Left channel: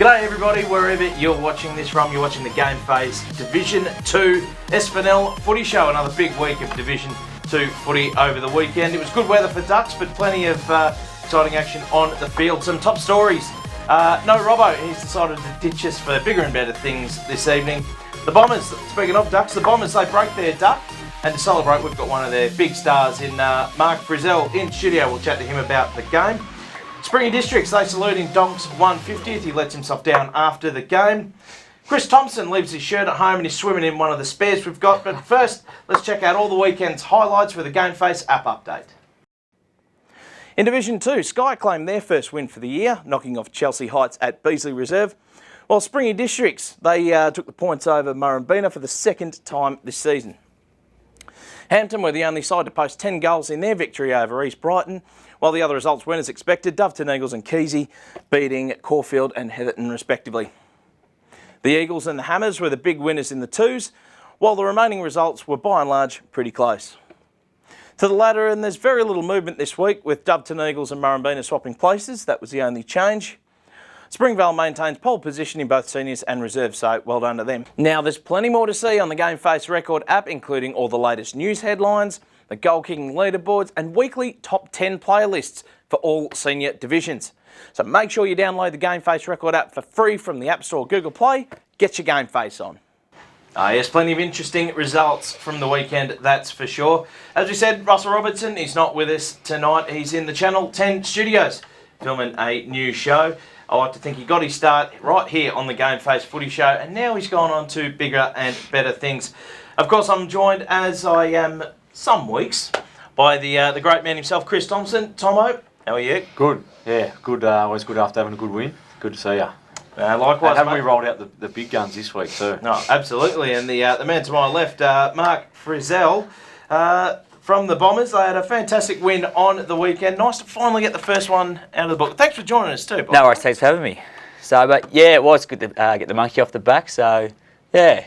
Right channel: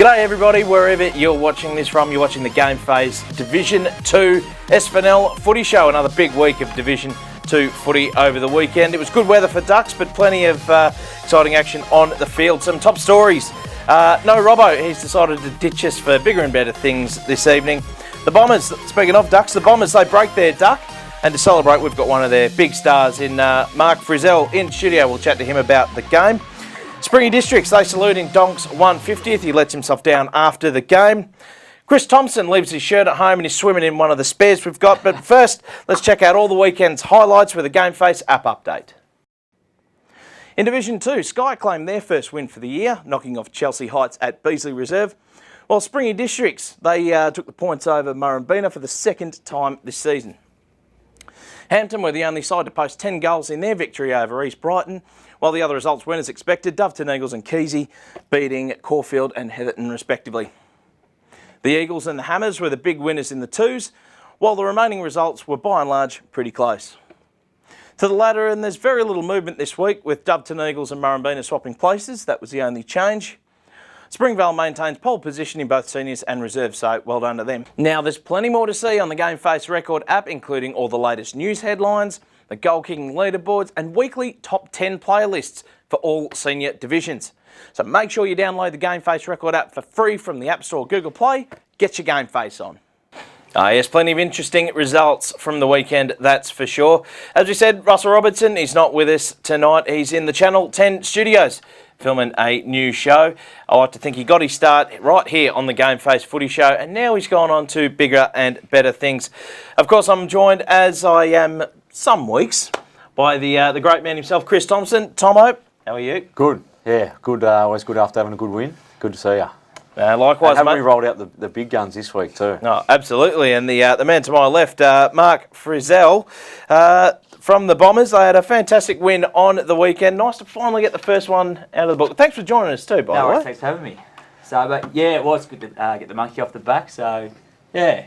G'day everybody, wherever you're watching this from. You're watching the GameFace Division 2 SFNL Footy Show. Another big week of Division 2 footy over the weekend. It was good weather for Ducks, but plenty of exciting action on the field. Some top stories. No Robbo, he's decided to ditch us for bigger and better things this evening. The Bombers, speaking of Ducks, the Bombers, they break their duck. And to celebrate, we've got one of their big stars in Mark Frizzell in studio. We'll chat to him about the game. Springy Districts, they saluting Donk's 150th. He lets himself down after the game. Chris Thompson leaves his shirt at home and he's swimming in one of the spares we've got. But first, let's check out all the weekend's highlights with a GameFace app update. In Division 2, Sky claimed their first win for the year, knocking off Chelsea Heights at Beasley Reserve. While Springy Districts, they took the points over Murrumbina for the second time this season. Hampton were the only side to post 10 goals in their victory over East Brighton, while the other results went as expected, Doveton Eagles and Keesey beating Caulfield and Heatherton respectively. The Eagles and the Hammers were the big winners in the twos, while the remaining results were by and large pretty close. To the latter, and there's very little movement this week with Doveton Eagles and Murrumbina swapping places. That was the only change. Springvale maintains pole position in both seniors and reserves, so well done to them. Now, there's plenty more to see on the GameFace Record app, including all the latest news headlines, the goal-kicking leaderboards, and weekly top 10 player lists for all senior divisions. So make sure you download the GameFace Record app for free from the App Store or Google Play. Get your GameFace on. Yes, plenty of interesting results from the weekend, that's for sure. As we said, Russell Robertson is not with us tonight. He's in the Channel 10 studios filming a new show. I like to think he got his start right here on the GameFace Footy Show, and now he's gone on to bigger and better things. Of course, I'm joined, as I am some weeks, by the great man himself, Chris Thompson. Tomo, how are you? Good, yeah, good. Always good after having a good win. Good to see you. Likewise, haven't mate. we rolled out the big guns this week too? No, absolutely. And the man to my left, Mark Frizzell. From the Bombers, they had a fantastic win on the weekend. Nice to finally get the first one out of the book. Thanks for joining us too, by the way. No worries, thanks for having me. So, but yeah, it was good to get the monkey off the back. So, yeah, it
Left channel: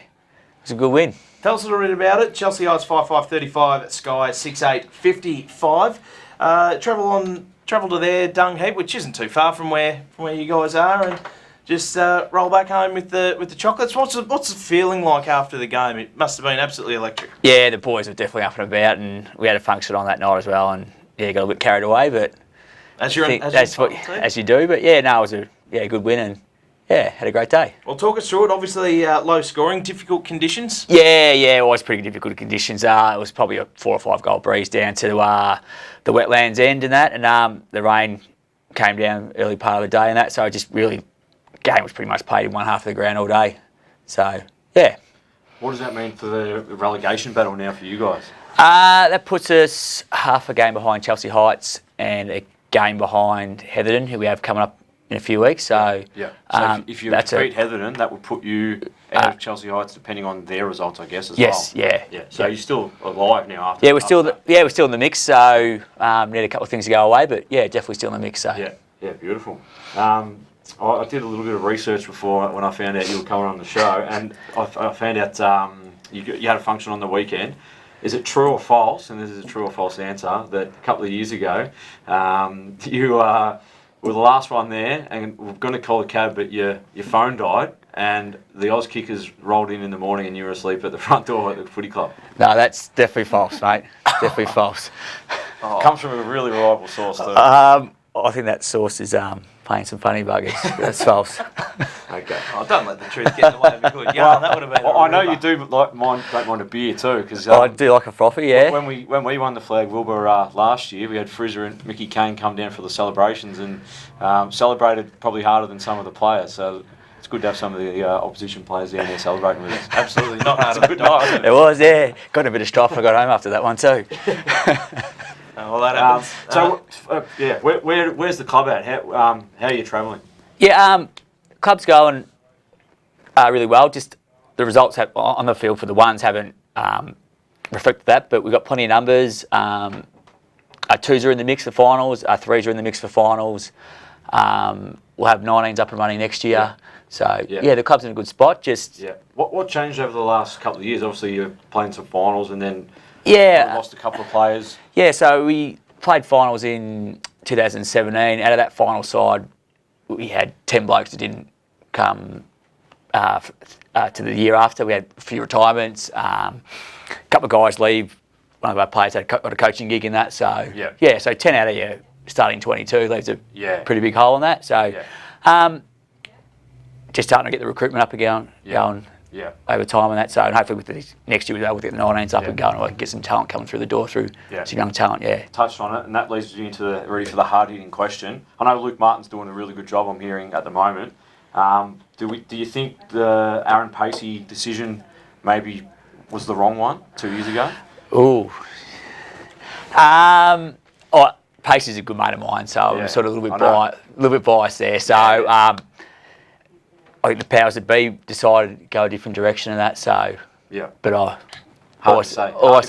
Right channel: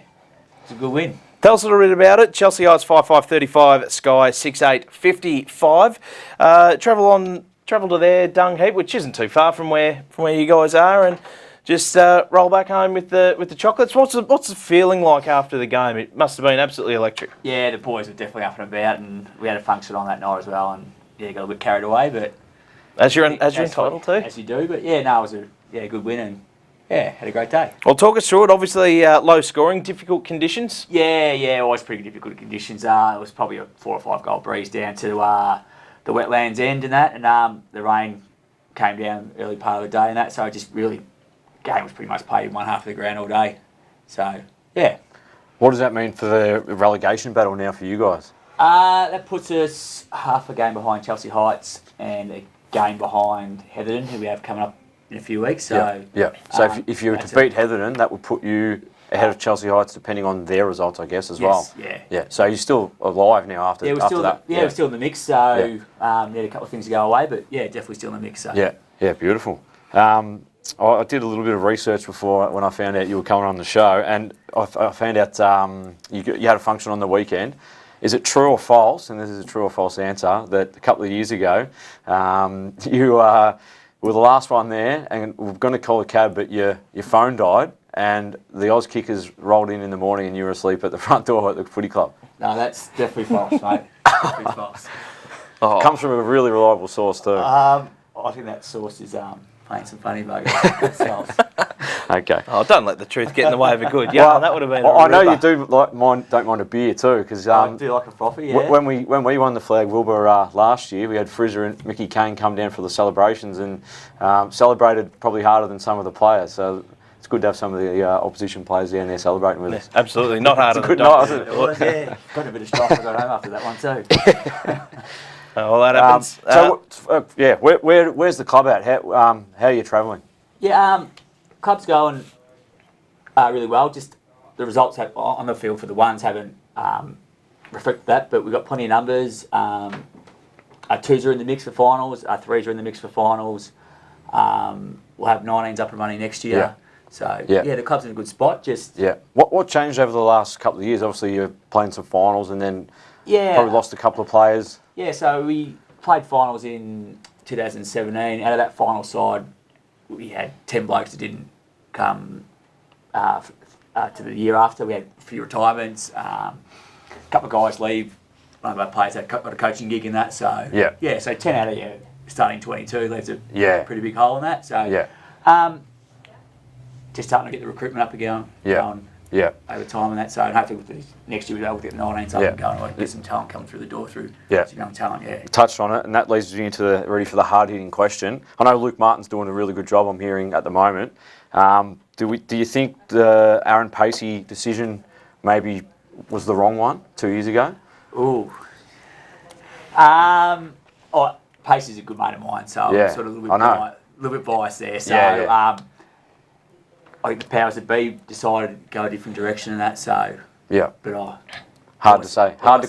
was a good win. Tell us a little bit about it. Chelsea Heights 5-5-35, Sky 6-8-55. Travel to their dung heap, which isn't too far from where you guys are, and just roll back home with the chocolates. What's the feeling like after the game? It must have been absolutely electric. Yeah, the boys were definitely up and about, and we had a function on that night as well, and yeah, got a bit carried away, but as you're entitled to. As you do, but yeah, no, it was a good win, and yeah, had a great day. Well, talk us through it. Obviously, low scoring, difficult conditions. Yeah, always pretty difficult conditions. It was probably a 4 or 5 goal breeze down to the wetlands end and that, and the rain came down early part of the day and that, so just really. Game was pretty much played in one half of the ground all day. So, yeah. What does that mean for the relegation battle now for you guys? That puts us half a game behind Chelsea Heights and a game behind Heatherton, who we have coming up in a few weeks. So, yeah. So if you beat Heatherton, that would put you ahead of Chelsea Heights, depending on their results, I guess, as well. Yes, yeah. So you're still alive now after. Yeah, we're still in the mix. So need a couple of things to go away, but yeah, definitely still in the mix. So. Yeah, beautiful. I did a little bit of research before when I found out you were coming on the show, and I found out you had a function on the weekend. Is it true or false, and this is a true or false answer, that a couple of years ago you were the last one there and we're going to call a cab, but your phone died and the Oz Kickers rolled in the morning and you were asleep at the front door at the footy club? No, that's definitely false, mate. Definitely false. Comes from a really reliable source too. I think that source is playing some funny buggers. That's false. Okay. Oh, don't let the truth get in the way of a good yarn. That would have been. I know you do don't mind a beer too, because I do like a frothy. Yeah. When we won the Flag Wilbur last year, we had Frizzer and Mickey Kane come down for the celebrations and celebrated probably harder than some of the players. So it's good to have some of the opposition players down there celebrating with us. Absolutely, not harder. Good night. It was, yeah. Got a bit of strife. I got home after that one too. Well, that happens. Where's the club at? How are you travelling? Yeah, club's going really well. Just the results on the field for the ones haven't reflected that, but we've got plenty of numbers. Our 2s are in the mix for finals. Our 3s are in the mix for finals. We'll have 19s up and running next year. Yeah. So the club's in a good spot. What changed over the last couple of years? Obviously, you're playing some finals and then probably lost a couple of players. Yeah, so we played finals in 2017. Out of that final side, we had 10 blokes that didn't come to the year after. We had a few retirements. A couple of guys leave. One of our players had got a coaching gig in that. So so 10 out of your starting 22 leaves a pretty big hole in that. So just starting to get the recruitment up again, going over time and that. So and hopefully with the next year we'll be able to get the 19s up and going, and get some talent coming through the door through some young talent. Touched on it, and that leads you into ready for the hard-hitting question. I know Luke Martin's doing a really good job, I'm hearing at the moment. Do you think the Aaron Pacey decision maybe was the wrong one 2 years ago? Pacey's a good mate of mine, so I'm sort of a little bit biased there. So I think the powers that be decided to go a different direction in that. So but I always support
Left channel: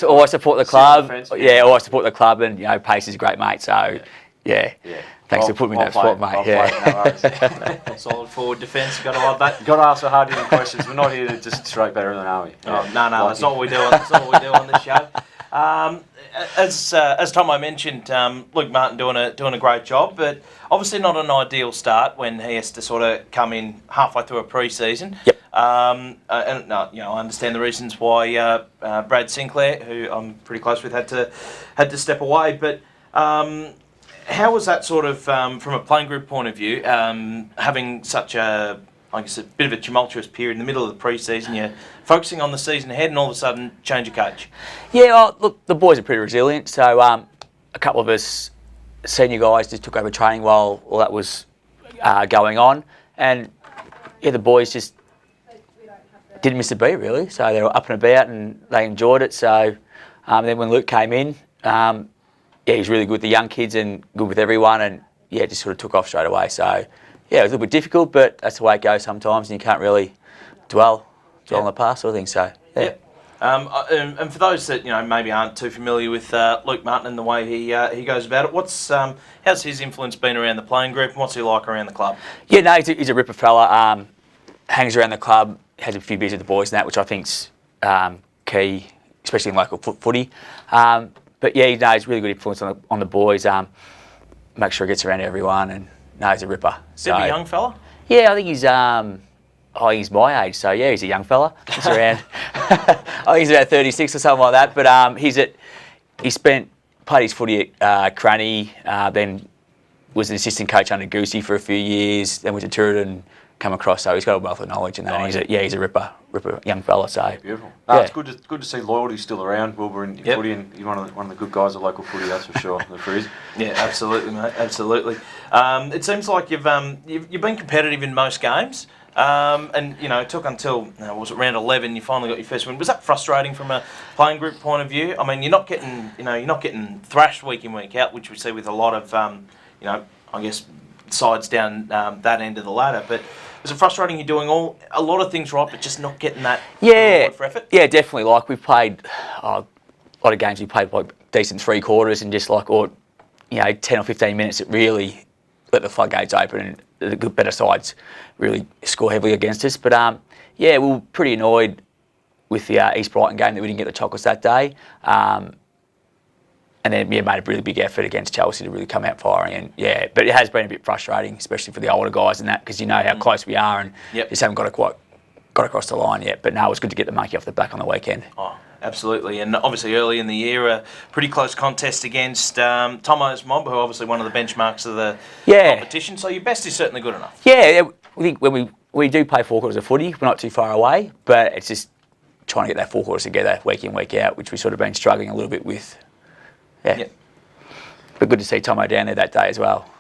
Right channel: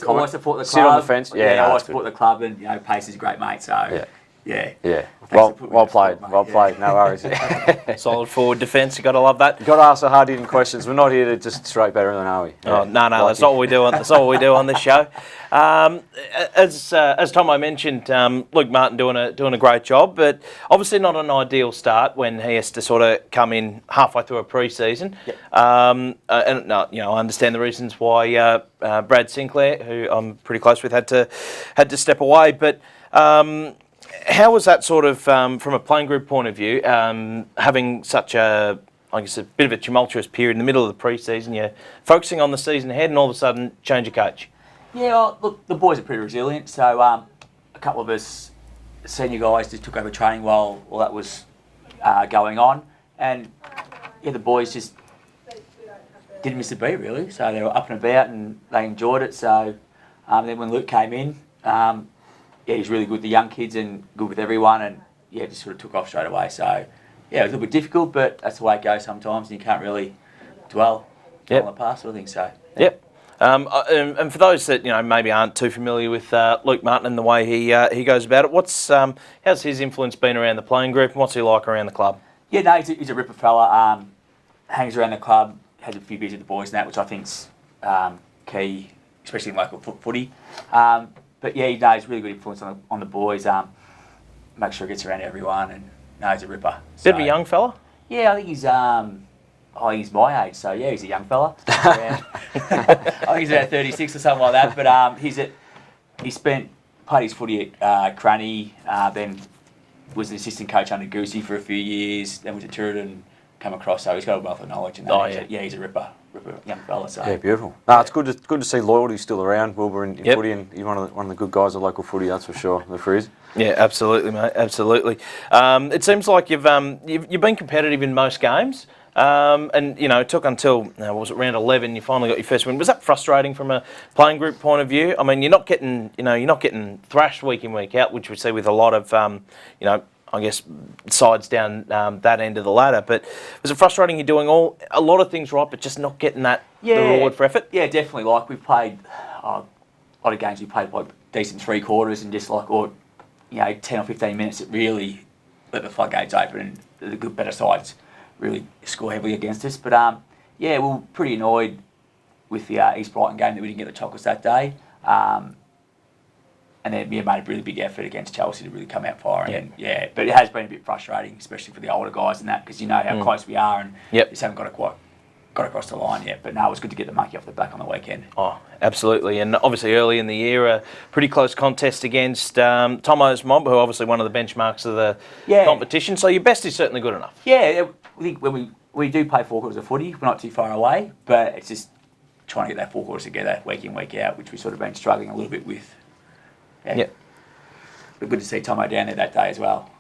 the club. I support the club, and Pacey's a great mate. So thanks for putting me in that spot, mate. No worries. Solid forward defence. You got to love that. You've got to ask the hard-hitting questions. We're not here to just straight better than, are we? No. That's not what we do. That's not what we do on this show. As Tomo mentioned, Luke Martin doing a great job, but obviously not an ideal start when he has to sort of come in halfway through a pre-season. And I understand the reasons why Brad Sinclair, who I'm pretty close with, had to step away, but. How was that sort of, from a playing group point of view, having such a bit of a tumultuous period in the middle of the pre-season? You're focusing on the season ahead and all of a sudden change of coach. Look, the boys are pretty resilient. So a couple of us senior guys just took over training while all that was going on. And, the boys just didn't miss a beat, really. So they were up and about and they enjoyed it. So then when Luke came in, he's really good with the young kids and good with everyone, and just sort of took off straight away. So it was a little bit difficult, but that's the way it goes sometimes, and you can't really dwell on the past sort of thing. So and for those that maybe aren't too familiar with Luke Martin and the way he goes about it, how's his influence been around the playing group, and what's he like around the club? He's a ripper fella. Hangs around the club, has a few beers with the boys and that, which I think's key, especially in local footy. But he's really good influence on the boys. Make sure he gets around everyone, and he's a ripper. Bit of a young fella? Yeah, I think he's my age, so he's a young fella. He's around, he's about 36 or something like that. But played his footy at Cranny, then was an assistant coach under Goosey for a few years, then went to Tooradin, come across, so he's got a wealth of knowledge in that. He's a ripper young fella. So beautiful. It's good to see loyalty still around, Wilbur, in footy, and you're one of the good guys of local footy, that's for sure. The Frizz. Yeah, absolutely, mate. Absolutely. It seems like you've been competitive in most games. And it took until was it round 11 you finally got your first win. Was that frustrating from a playing group point of view? I mean, you're not getting thrashed week in week out, which we see with a lot of I guess sides down that end of the ladder. But was it frustrating? You're doing a lot of things right, but just not getting that reward for effort. Yeah, definitely. Like we've played a lot of games. We played like decent 3 quarters and just 10 or 15 minutes that really let the floodgates open, and the good better sides really score heavily against us. But we were pretty annoyed with the East Brighton game that we didn't get the chocolates that day. And then made a really big effort against Chelsea to really come out firing. And but it has been a bit frustrating, especially for the older guys and that, because you know how close we are, and just haven't got across the line yet. But no, it was good to get the monkey off the back on the weekend. Oh, absolutely. And obviously early in the year, a pretty close contest against Tomo's Mob, who are obviously one of the benchmarks of the competition. So your best is certainly good enough. Yeah, I think when we do play 4 quarters of footy, we're not too far away, but it's just trying to get that 4 quarters together week in, week out, which we've sort of been struggling a little bit with. Yeah. But good to see Tomo down there that day as well.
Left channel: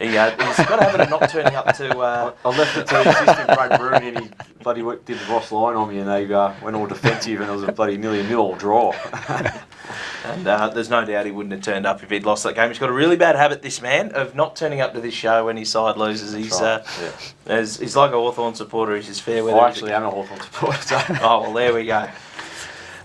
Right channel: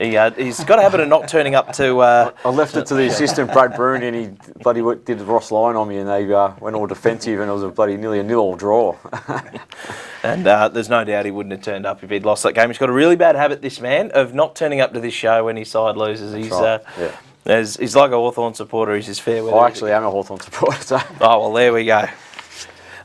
He's got a habit of not turning up to... I left it to the assistant, Brad Broom, and he bloody did the Ross line on me, and they went all defensive, and it was nearly a 0-0 draw. And there's no doubt he wouldn't have turned up if he'd lost that game. He's got a really bad habit, this man, of not turning up to this show when his side loses. He's like a Hawthorn supporter. He's just fair with it. I actually am a Hawthorn supporter. So. Oh, well, there we go.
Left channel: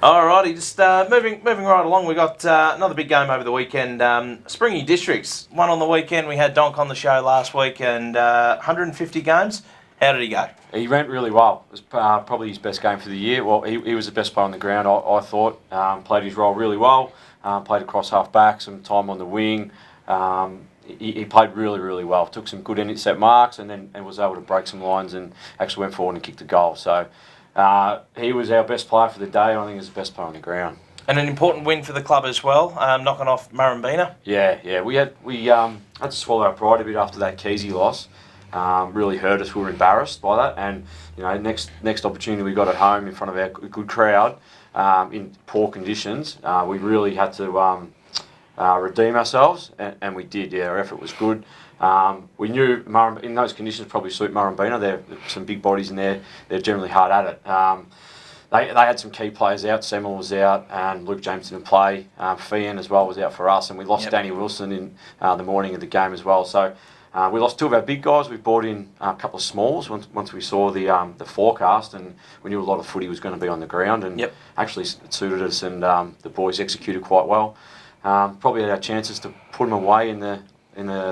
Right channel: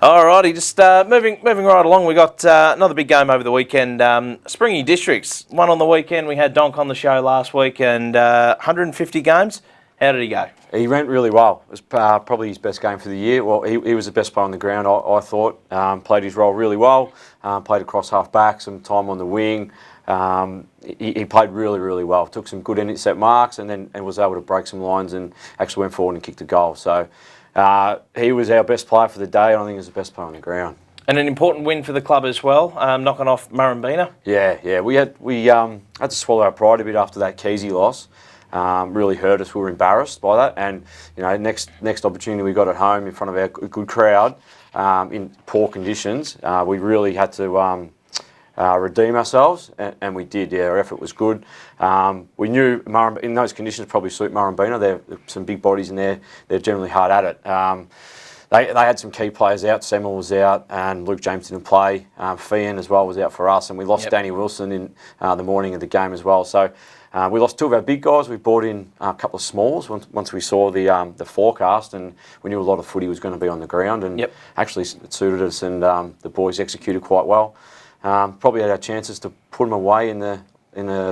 Alrighty, just moving right along. We got another big game over the weekend. Springy Districts won on the weekend. We had Donk on the show last week, and 150 games. How did he go? He went really well. It was probably his best game for the year. Well, he was the best player on the ground, I thought. Played his role really well. Played across half back, some time on the wing. He played really, really well. Took some good intercept marks and was able to break some lines and actually went forward and kicked a goal. So he was our best player for the day. I think he was the best player on the ground. And an important win for the club as well, knocking off Murrumbina. Yeah. We had to swallow our pride a bit after that Keezy loss. Really hurt us. We were embarrassed by that. And next opportunity we got at home in front of our good crowd in poor conditions, we really had to redeem ourselves, and we did. Yeah, our effort was good. We knew in those conditions probably suit Murrumbina. There are some big bodies in there. They're generally hard at it. They had some key players out. Semmel was out, and Luke James didn't play. Fian as well was out for us, and we lost Danny Wilson in the morning of the game as well. So we lost two of our big guys. We brought in a couple of smalls once we saw the forecast, and we knew a lot of footy was going to be on the ground, and actually it suited us, and the boys executed quite well. Probably had our chances to put them away in the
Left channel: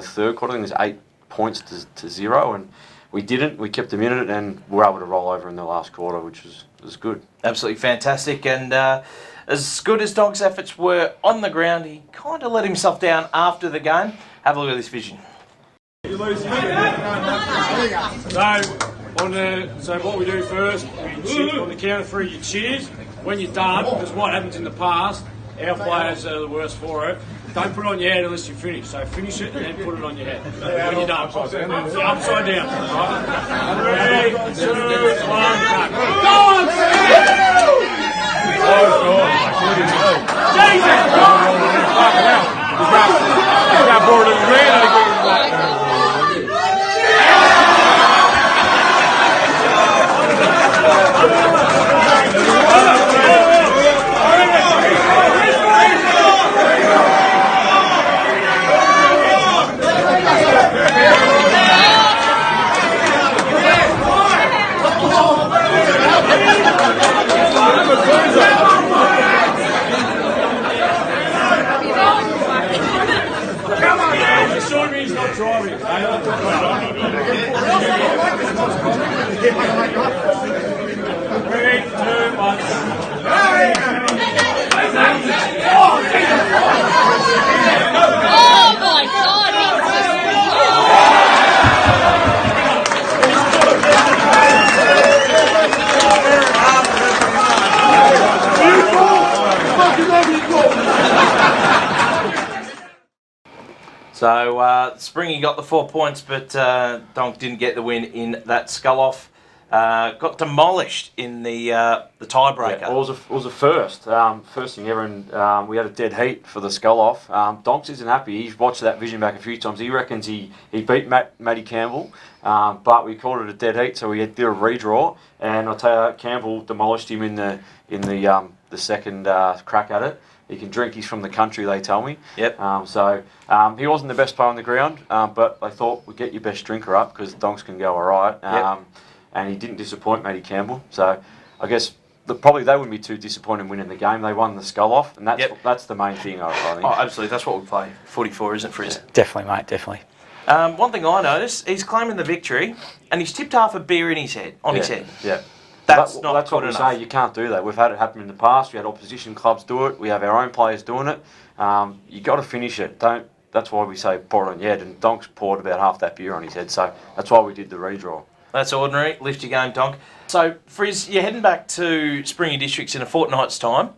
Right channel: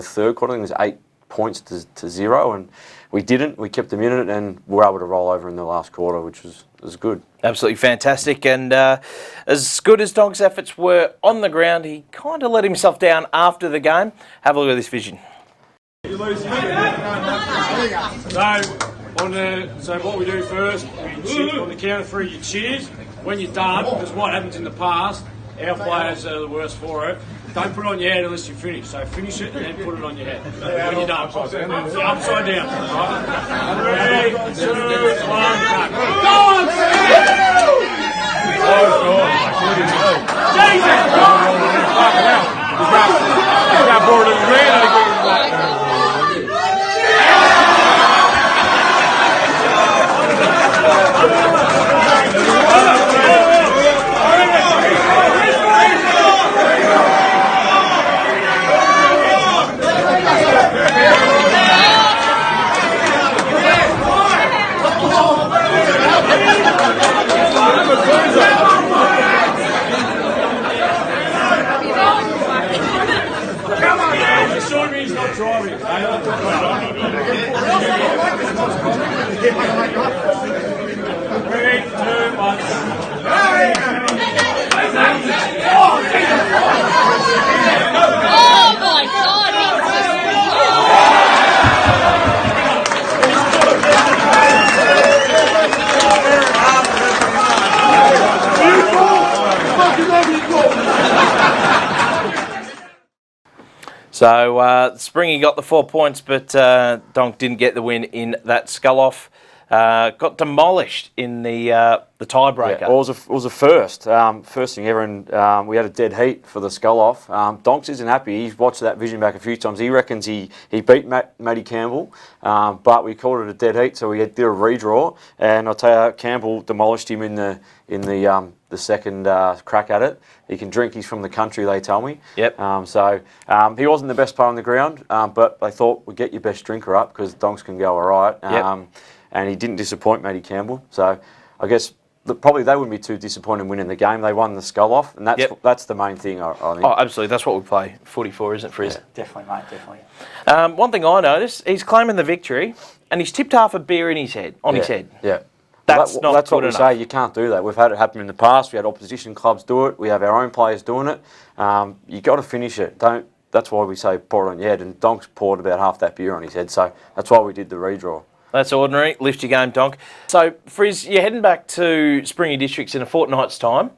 third quarter. I think it was 8 points to 0, and we didn't. We kept them in it, and we were able to roll over in the last quarter, which was good. Absolutely fantastic. And as good as Donk's efforts were on the ground, he kind of let himself down after the game. Have a look at this vision. So what we do first, we cheer on the count of 3, you cheers. When you're done, because what happens in the past, our players are the worst for it. Don't put it on your head unless you finish. So finish it and then put it on your head. When you're done. Upside down. Right? 3, 2, 1, cut. Go on, So Springy got the 4 points, but Donk didn't get the win in that scull-off. Got demolished in the tiebreaker. Yeah, it was a first thing ever, and we had a dead heat for the scull-off. Donks isn't happy. He's watched that vision back a few times. He reckons he beat Matty Campbell, but we called it a dead heat, so we did a redraw. And I'll tell you, Campbell demolished him in the second crack at it. He can drink. He's from the country, they tell me. Yep. He wasn't the best player on the ground, but they thought we'd get your best drinker up because Donks can go all right. And he didn't disappoint Matty Campbell. So I guess probably they wouldn't be too disappointed in winning the game. They won the scull-off, and that's the main thing, I think. Oh, absolutely. That's what we play footy for, isn't it, Frizz? Definitely, mate, definitely. One thing I noticed, he's claiming the victory, and he's tipped half a beer in his head, his head. Yeah. That's what good we enough. say. You can't do that. We've had it happen in the past. We had opposition clubs do it. We have our own players doing it. You got to finish it. That's why we say pour it on your head. And Donks poured about half that beer on his head. So that's why we did the redraw. That's ordinary. Lift your game, Donk. So, Frizz, you're heading back to Springy Districts in a fortnight's time.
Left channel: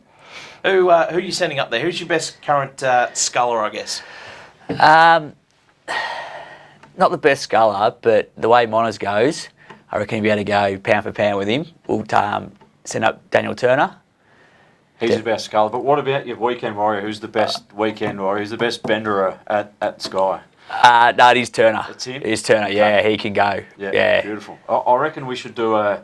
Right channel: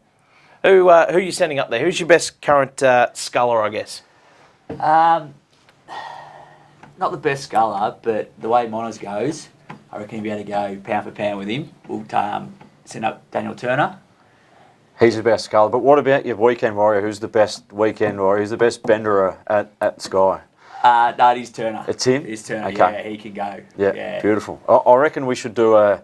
Who are you sending up there? Who's your best current sculler, I guess? Not the best sculler, but the way Monas goes, I reckon he'll be able to go pound for pound with him. We'll send up Daniel Turner. He's the best sculler. But what about your weekend warrior? Who's the best weekend warrior? Who's the best benderer at Sky? No, it is Turner. It's him? It is Turner, Okay. yeah, he can go. Yeah, beautiful. I reckon we should do a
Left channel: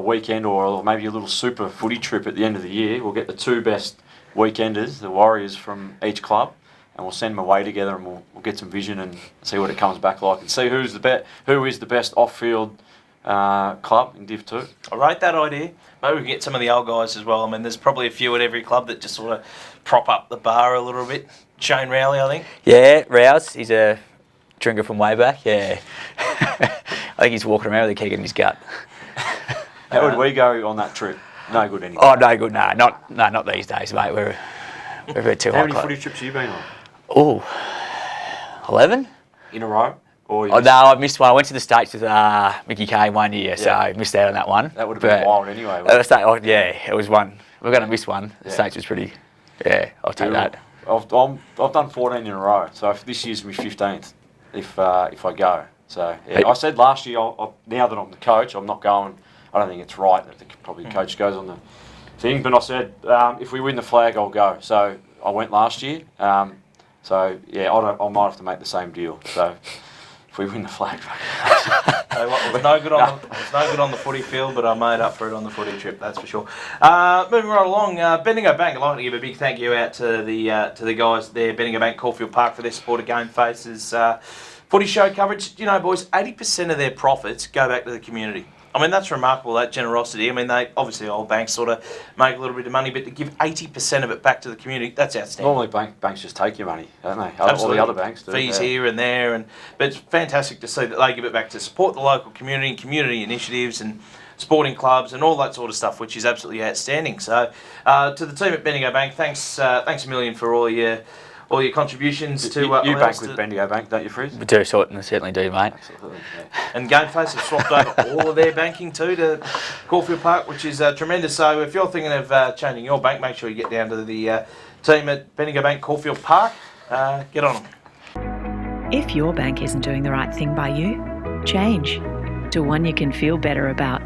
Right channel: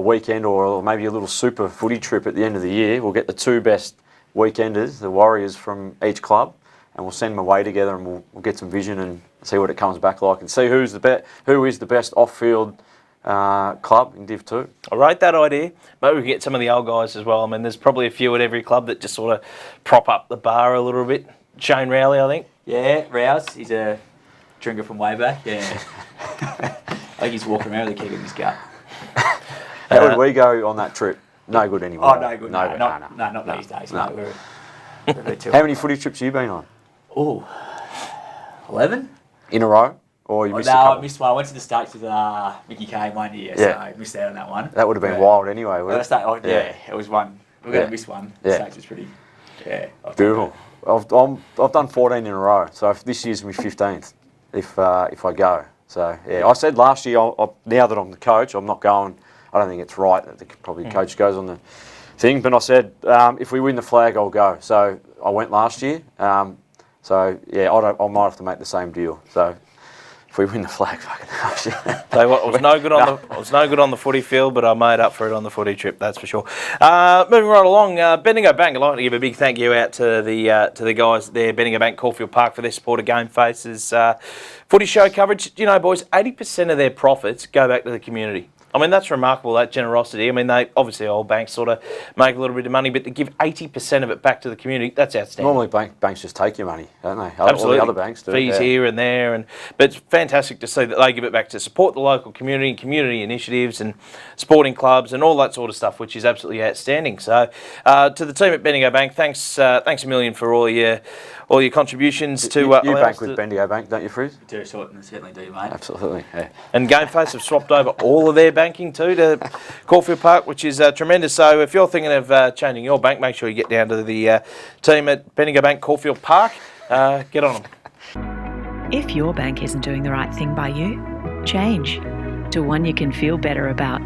weekend or maybe a little super footy trip at the end of the year. We'll get the two best weekenders, the Warriors from each club, and we'll send them away together, and we'll get some vision and see what it comes back like, and see who is the best off-field club in Div 2. I rate that idea. Maybe we can get some of the old guys as well. I mean, there's probably a few at every club that just sort of prop up the bar a little bit. Shane Rowley, I think. Yeah, Rouse, he's a drinker from way back, yeah. I think he's walking around with a keg in his gut. How would we go on that trip? No good anymore. Oh, no good, no, not these days, mate. We're too How hot many club. footy trips have you been on? Oh, 11. in a row? Or you Oh, missed no, a I couple? missed one. I went to the States with Mickey Kane one year, so Yeah. I missed out on that one. That would have been But- wild anyway. wouldn't it? Yeah, it was one. We're going to Yeah. miss one. Yeah. The States was pretty. Yeah, I'll take Beautiful. that. I've done 14 in a row, so this year's my 15th if I go. So yeah, I said last year, now that I'm the coach, I'm not going. I don't think it's right that probably the coach goes on the thing, but I said if we win the flag, I'll go. So I went last year. So yeah, I might have to make the same deal. So if we win the flag, Tell you what, it was no good on the footy field, but I made up for it on the footy trip, that's for sure. Moving right along, Bendigo Bank, I'd like to give a big thank you out to the guys there, Bendigo Bank, Caulfield Park, for their support of GameFace's footy show coverage. You know, boys, 80% of their profits go back to the community. I mean, that's remarkable, that generosity. I mean, they obviously all banks sort of make a little bit of money, but to give 80% of it back to the community, that's outstanding. normally banks just take your money, don't they? Absolutely. All the other banks do. Fees yeah. here and there, but it's fantastic to see that they give it back to support the local community and community initiatives and sporting clubs and all that sort of stuff, which is absolutely outstanding. So, to the team at Bendigo Bank, thanks a million for all your contributions to. You allow bank us with to- Bendigo Bank, don't you, Frizz? We do, certainly do, mate. Absolutely. Yeah. And GameFace have swapped over all of their banking too to Caulfield Park, which is tremendous. So if you're thinking of changing your bank, make sure you get down to the team at Bendigo Bank, Caulfield Park. Get on them. If your bank isn't doing the right thing by you, change to one you can feel better about.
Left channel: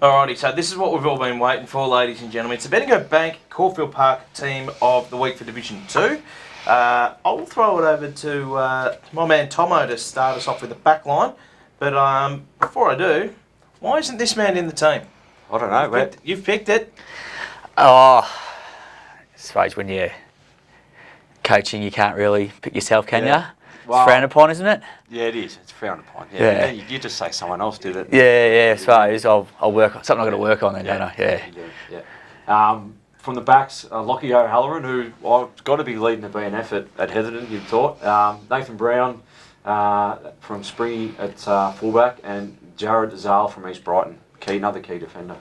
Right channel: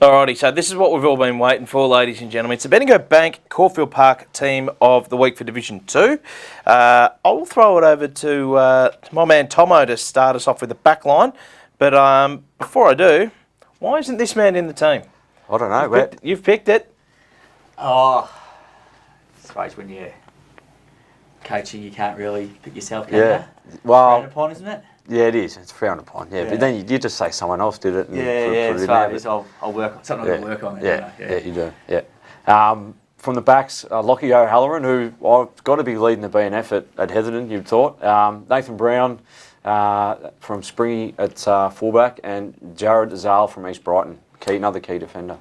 Alrighty, so this is what we've all been waiting for, ladies and gentlemen. It's the Bendigo Bank Caulfield Park team of the week for Division 2. I'll throw it over to my man Tomo to start us off with the back line. But before I do, why isn't this man in the team? I don't know, but You've picked it. Oh, I suppose when you're coaching, you can't really pick yourself, can Yeah. you? Well- It's frowned upon, isn't it? yeah, it is. It's frowned upon. Yeah, Yeah. but then you just say someone else did it. Yeah, I Put it in. suppose. I'll work on something. I'm going to work on then, don't I? Yeah, you do. Yeah. From the backs, Lockie O'Halloran, who I've got to be leading the BNF at Heatherton, you'd thought. Nathan Brown from Springy at fullback, and Jared Zal from East Brighton, another key defender.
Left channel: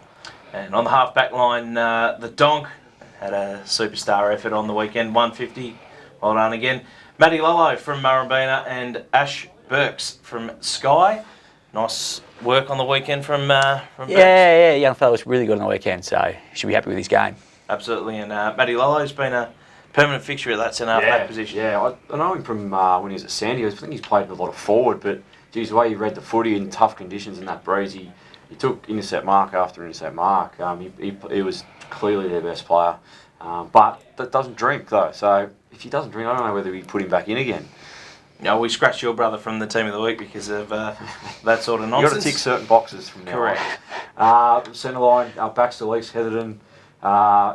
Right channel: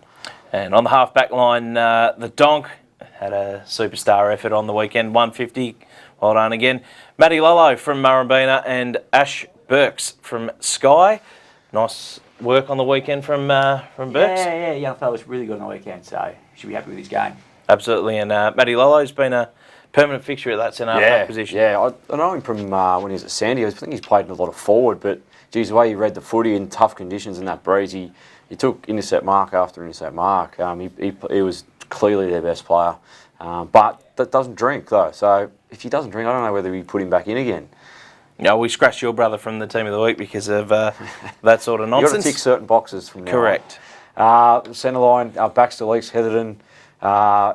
And on the half-back line, the Donk had a superstar effort on the weekend, 150. Well done again. Matty Lello from Murrumbina and Ash Burks from Skye. Nice work on the weekend from Burks. Yeah, young fella was really good on the weekend, so he should be happy with his game. Absolutely. And Matty Lello's been a permanent fixture at that centre-back position. Yeah, I know him from when he was at Sandy. I think he's played a lot of forward, but geez, the way he read the footy in tough conditions in that breeze, he took intercept mark after intercept mark. He was clearly their best player. But that doesn't drink though, so if he doesn't drink, I don't know whether we put him back in again. No, we scratched your brother from the team of the week because of that sort of You've got nonsense. to tick certain boxes from now. Correct. Centre line, Baxter Leaks, Heatherton,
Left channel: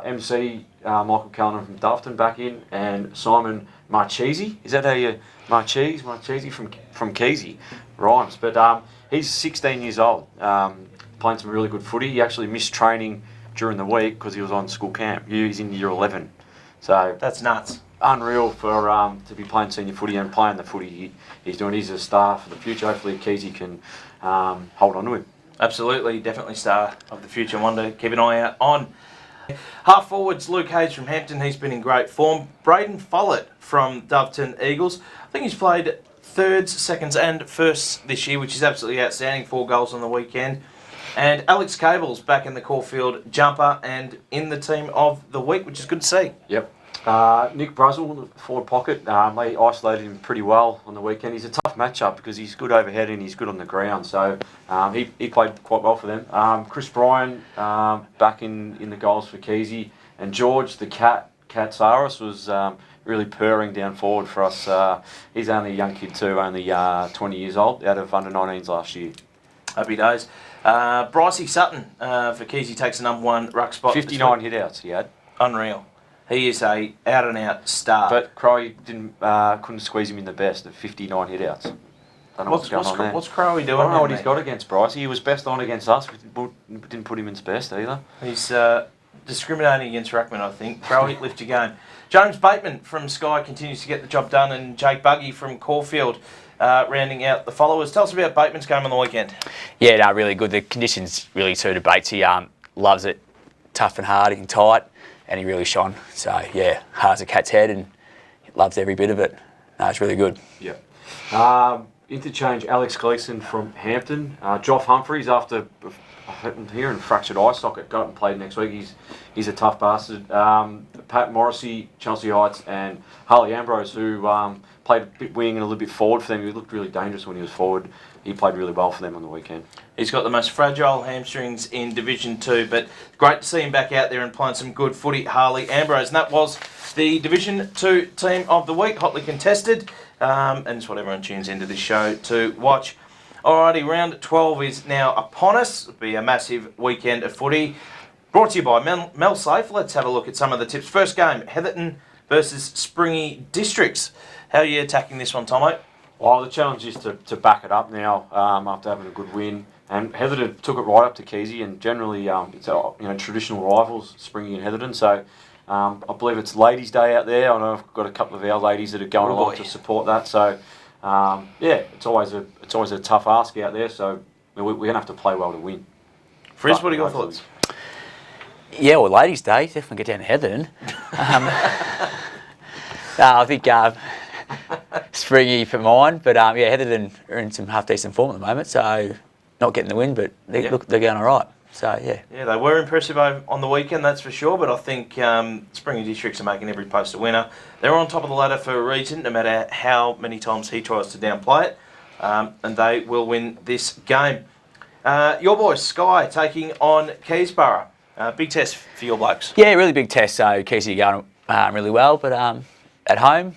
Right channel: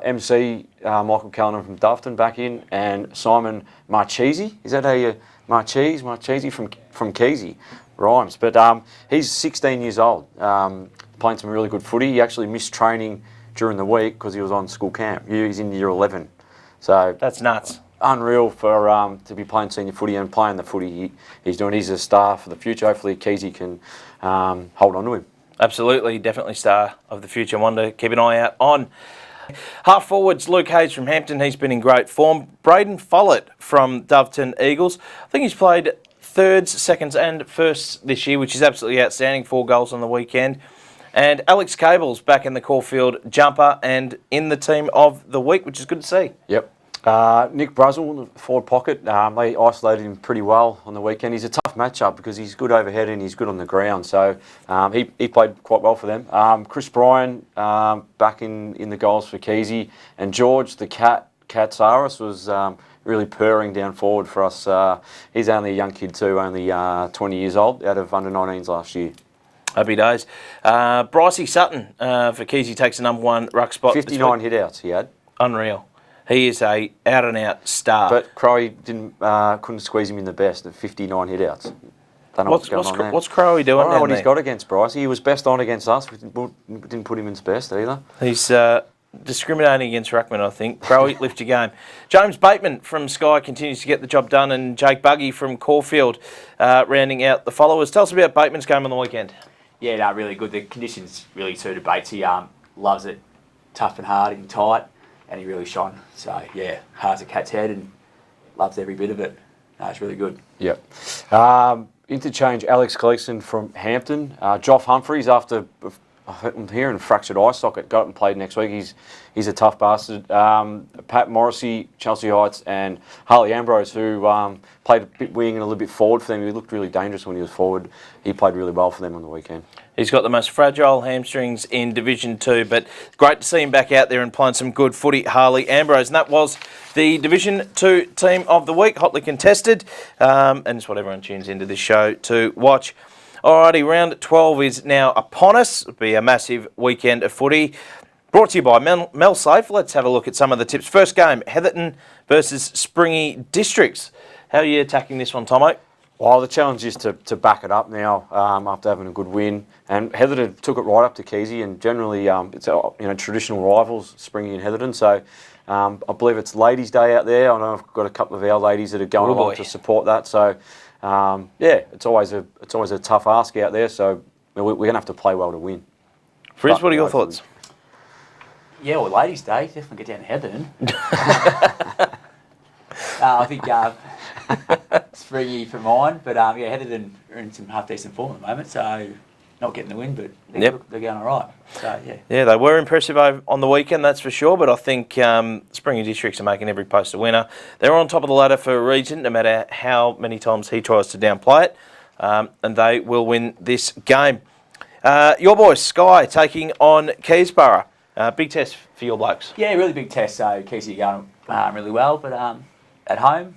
MC Michael Callanan from Dufton back in, and Simon Marchese. Is that how you Marchese from Keysy? Rhymes, but he's 16 years old, playing some really good footy. He actually missed training during the week because he was on school camp. He's in year 11, so That's nuts. unreal for to be playing senior footy and playing the footy he's doing. He's a star for the future. Hopefully Keysy can hold on to him. Absolutely, definitely star of the future. One to keep an eye out on. Half forwards, Luke Hayes from Hampton. He's been in great form. Braden Follett from Doveton Eagles. I think he's played thirds, seconds and firsts this year, which is absolutely outstanding. 4 goals on the weekend. And Alex Cable's back in the Caulfield jumper and in the team of the week, which is good to see. Yep. Nick Bruzzle, forward pocket, they isolated him pretty well on the weekend. He's a tough matchup because he's good overhead and he's good on the ground, so he played quite well for them. Chris Bryan back in the goals for Keysy, and George the Katsaris was really purring down forward for us. He's only a young kid too, only 20 years old, out of under 19s last year. Happy days. Brycey Sutton for Keysy takes the number 1 ruck spot. 59 hit-outs he had. Unreal. He is a out-and-out star. But Crowe couldn't squeeze him in the best at 59 hit-outs. Don't know what's going on there. What's Crowe doing? I don't know what down he's there? got against Bryce. He was best on against us. We didn't put him in his best either. He's discriminating against Ruckman, I think. Crowe, lift your game. James Bateman from Skye continues to get the job done, and Jake Buggy from Caulfield rounding out the followers. Tell us about Bateman's game on the weekend. Yeah, no, really good. The conditions really suited Bates. He loves it, tough and hard and tight, and he really shone. So, yeah, hard as a cat's head, and loves every bit of it. No, it's really good. Yep. Interchange Alex Gleeson from Hampton. Joff Humphreys, after I'm hearing fractured eye socket, got up and played next week. He's a tough bastard. Pat Morrissey, Chelsea Heights, and Harley Ambrose, who played a bit wing and a little bit forward for them. He looked really dangerous when he was forward. He played really well for them on the weekend. He's got the most fragile hamstrings in Division 2, but great to see him back out there and playing some good footy, Harley Ambrose. And that was the Division 2 team of the week, hotly contested. And it's what everyone tunes into this show to watch. Alrighty, round 12 is now upon us. It'll be a massive weekend of footy. Brought to you by Mel Safe. Let's have a look at some of the tips. First game, Heatherton versus Springy Districts. How are you attacking this one, Tomo? Well, the challenge is to back it up now after having a good win. And Heatherton took it right up to Keysy, and generally it's traditional rivals, Springy and Heatherton. So I believe it's Ladies' Day out there. I know I've got a couple of our ladies that are going along to support that. So it's always a tough ask out there. So we're going to have to play well to win. Frizz, what are your thoughts? Yeah, well, Ladies' Day, definitely get down to Heatherton. I think Springy for mine, but Heatherton are in some half-decent form at the moment, so not getting the win, but they're going all right. So, yeah. Yeah, they were impressive on the weekend, that's for sure, but I think Springy Districts are making every post a winner. They're on top of the ladder for a reason, no matter how many times he tries to downplay it, and they will win this game. Your boys, Sky, taking on Keysborough. Big test for your blokes. Yeah, really big test, so Keysy are going really well, but at home,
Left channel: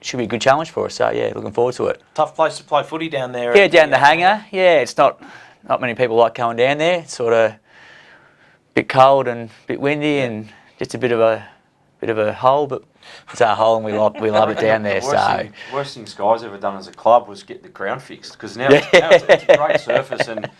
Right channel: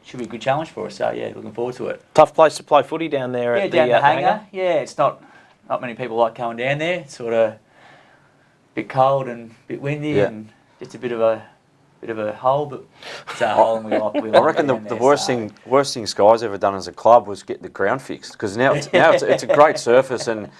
should be a good challenge for us. So yeah, looking forward to it. Tough place to play footy down there. Yeah, down the hangar. Yeah, it's not many people like going down there. It's sort of a bit cold and a bit windy and just a bit of a hole, but it's our hole and we love it down there. The worst thing Sky's ever done as a club was get the ground fixed, because now it's a great surface, and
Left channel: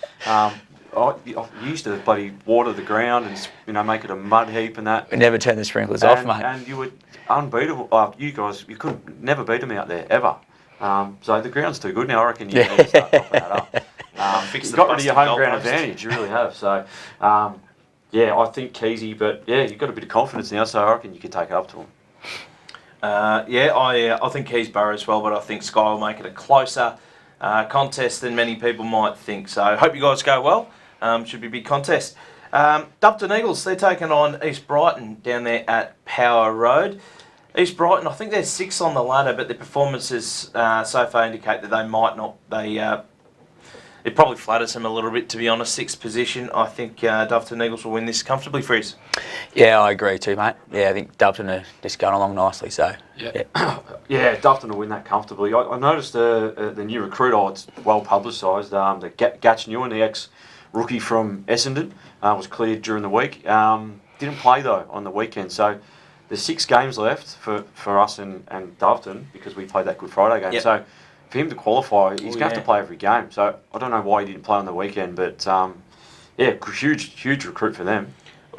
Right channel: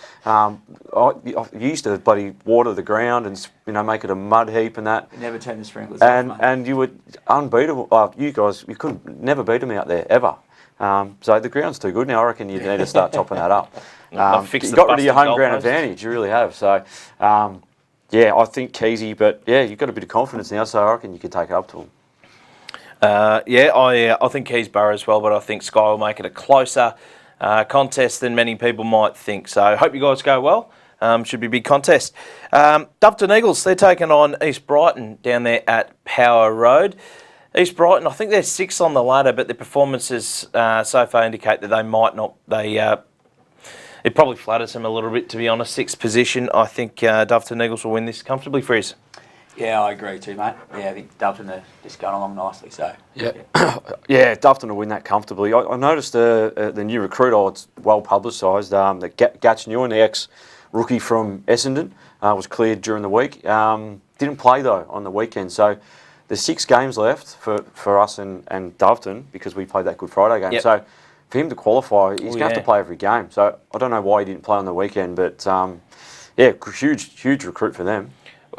I used to bloody water the ground and make it a mud heap and that. We never turn the sprinklers off, mate. And you were unbeatable. You guys, you couldn't never beat them out there ever. So the ground's too good now. I reckon you need to start topping that up. You've got rid of your home ground advantage. You really have. So. I think Keysy, but you've got a bit of confidence now, so I reckon you could take it up to them. I think Keysborough as well, but I think Sky will make it a closer contest than many people might think. So hope you guys go well. Should be a big contest. Dufton Eagles, they're taking on East Brighton down there at Power Road. East Brighton, I think they're 6th on the ladder, but their performances so far indicate that they might not. It probably flatters them a little bit, to be honest. 6th position. I think Dufton Eagles will win this comfortably, Frizz. Yeah, I agree too, mate. Yeah, I think Dufton are just going along nicely. So Dufton will win that comfortably. I noticed the new recruit. It's well publicised. That Gatch Newen, the ex-rookie from Essendon, was cleared during the week. Didn't play though on the weekend. So there's 6 games left for us and Dufton, because we played that Good Friday game. Yep. So for him to qualify, he's going to have to play every game. So I don't know why he didn't play on the weekend, but huge recruit for them.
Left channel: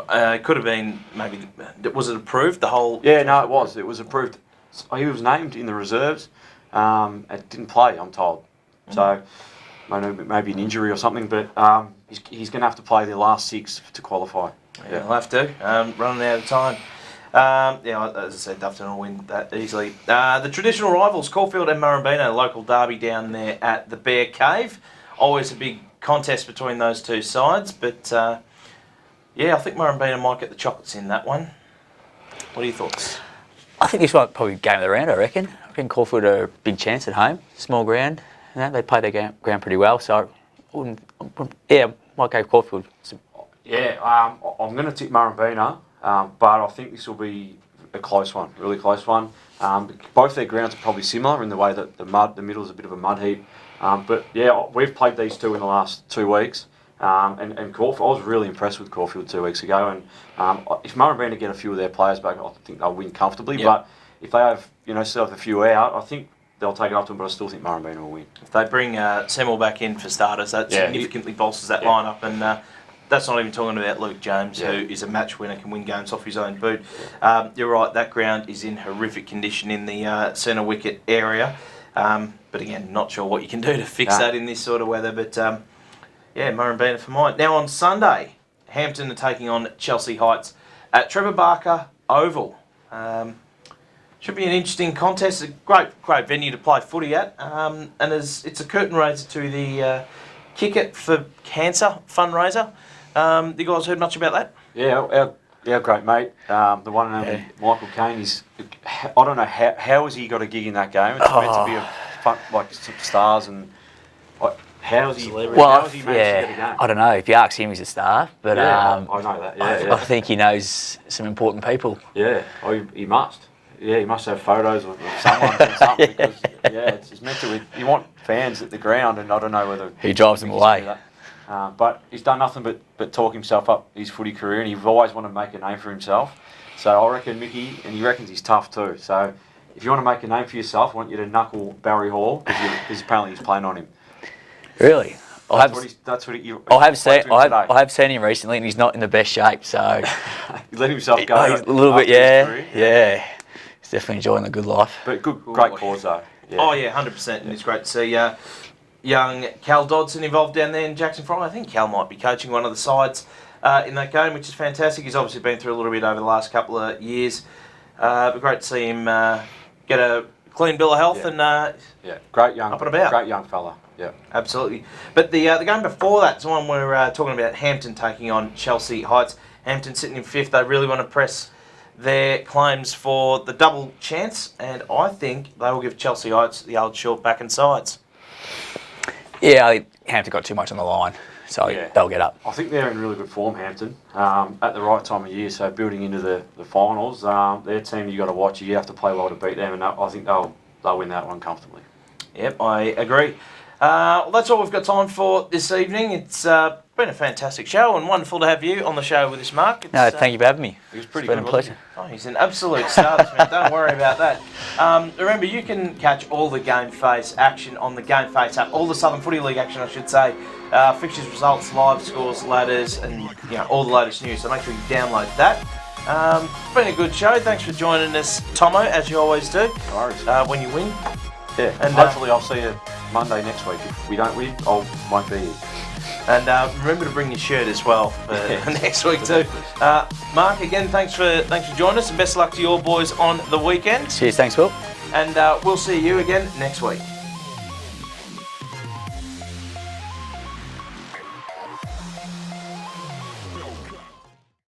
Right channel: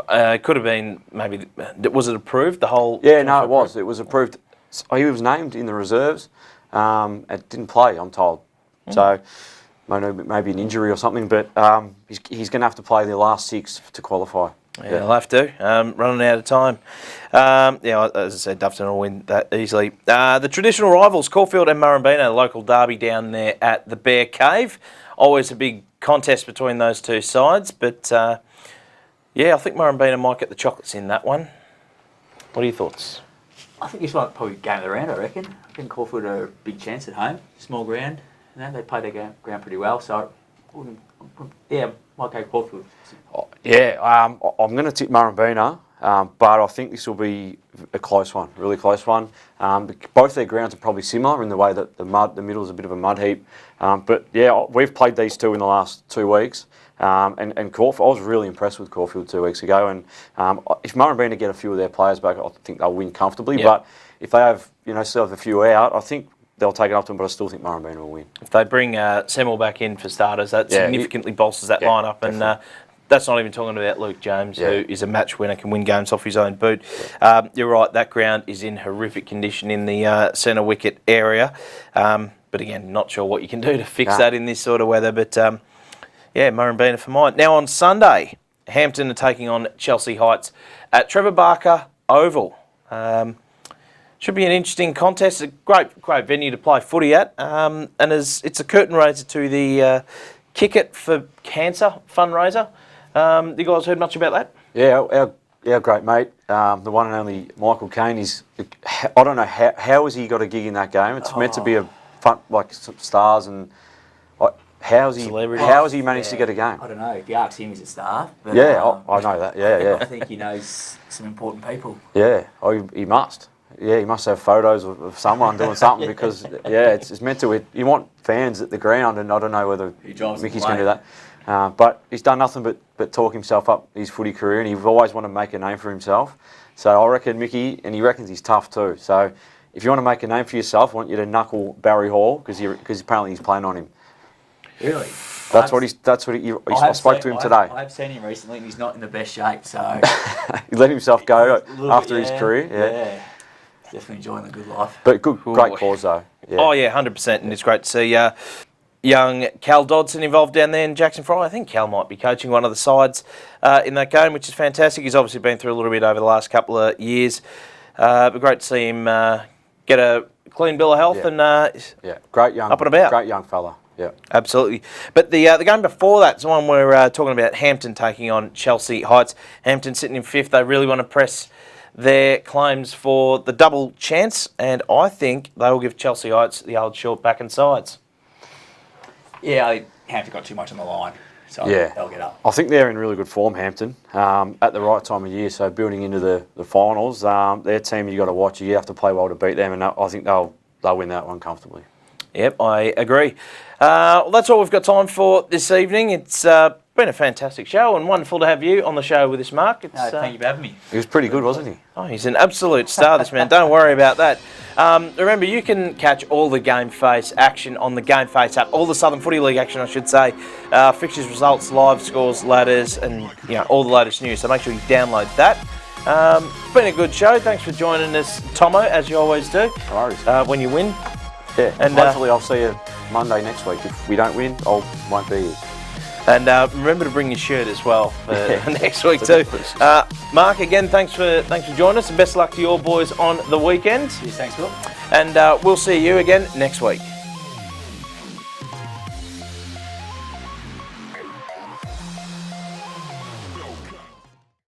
It could have been maybe. Was it approved? The whole. Yeah, no, it was. It was approved. He was named in the reserves. And didn't play, I'm told. So maybe an injury or something, but he's going to have to play the last 6 to qualify. Yeah, he'll have to. Running out of time. As I said, Dufton will win that easily. The traditional rivals, Caulfield and Murrumbina, local derby down there at the Bear Cave. Always a big contest between those two sides, but I think Murrumbina might get the chocolates in that one. What are your thoughts? I think this might probably game of the round, I reckon. I think Caulfield are a big chance at home. Small ground. They play their ground pretty well, so might go Caulfield. I'm going to tip Murrumbina. But I think this will be a close one, really close one. Both their grounds are probably similar in the way that the middle is a bit of a mud heap. We've played these two in the last 2 weeks. And Caulfield, I was really impressed with Caulfield 2 weeks ago. And if Murrumbina get a few of their players back, I think they'll win comfortably. Yep. But if they have, still have a few out, I think they'll take it up to them. But I still think Murrumbina will win. If they bring Semmel back in for starters, that significantly bolsters that lineup. And that's not even talking about Luke James, who is a match winner, can win games off his own boot. You're right, that ground is in horrific condition in the centre wicket area. But again, not sure what you can do to fix that in this sort of weather. But Murrumbina for mine. Now on Sunday, Hampton are taking on Chelsea Heights at Trevor Barker Oval. Should be an interesting contest. A great venue to play footy at. And it's a curtain raiser to the Kick It for Cancer fundraiser. You guys heard much about that? Yeah, our great mate, the one and only Michael Caine, I don't know how has he got a gig in that game. It's meant to be like some stars and how has he managed to get a game? I don't know. If you ask him, he's a star. But, I know that. Yeah, I think he knows some important people. Yeah, he must. Yeah, he must have photos of someone doing something because it's meant to. You want fans at the ground, and I don't know whether he drives them he's going to do that. But he's done nothing but talk himself up his footy career, and he's always wanted to make a name for himself. So I reckon Mickey, and he reckons he's tough too. So if you want to make a name for yourself, I want you to knuckle Barry Hall because apparently he's playing on him. Really? That's what he I have seen him recently, and he's not in the best shape. So he let himself go a little bit. His career. Yeah. He's definitely enjoying the good life. But great cause though. Yeah. Oh yeah, 100%, and it's great to see young Cal Dodson involved down there in Jackson Fry. I think Cal might be coaching one of the sides in that game, which is fantastic. He's obviously been through a little bit over the last couple of years. But great to see him get a clean bill of health and great young, up and about. Great young fella. Yeah, absolutely. But the game before that is the one we're talking about. Hampton taking on Chelsea Heights. Hampton sitting in 5th. They really want to press their claims for the double chance, and I think they will give Chelsea Heights the old short back and sides. Yeah, Hampton got too much on the line, so they'll get up. I think they're in really good form, Hampton, at the right time of year. So building into the finals, their team you got to watch. You have to play well to beat them, and I think they'll win that one comfortably. Yep, I agree. Well, that's all we've got time for this evening. It's been a fantastic show and wonderful to have you on the show with us, Mark. Thank you for having me. He was pretty good, wasn't he? Oh, he's an absolute star, this man. Don't worry about that. Remember, you can catch all the GameFace action on the GameFace app, all the Southern Footy League action, I should say. Fixtures, results, live scores, ladders, and all the latest news. So make sure you download that. Been a good show. Thanks for joining us, Tomo, as you always do. No worries. When you win. Yeah, and hopefully I'll see you Monday next week. If we don't win, I won't be here. And remember to bring your shirt as well next week too. Mark, again, thanks for joining us. Best of luck to your boys on the weekend. Cheers, thanks, Will. And we'll see you again next week.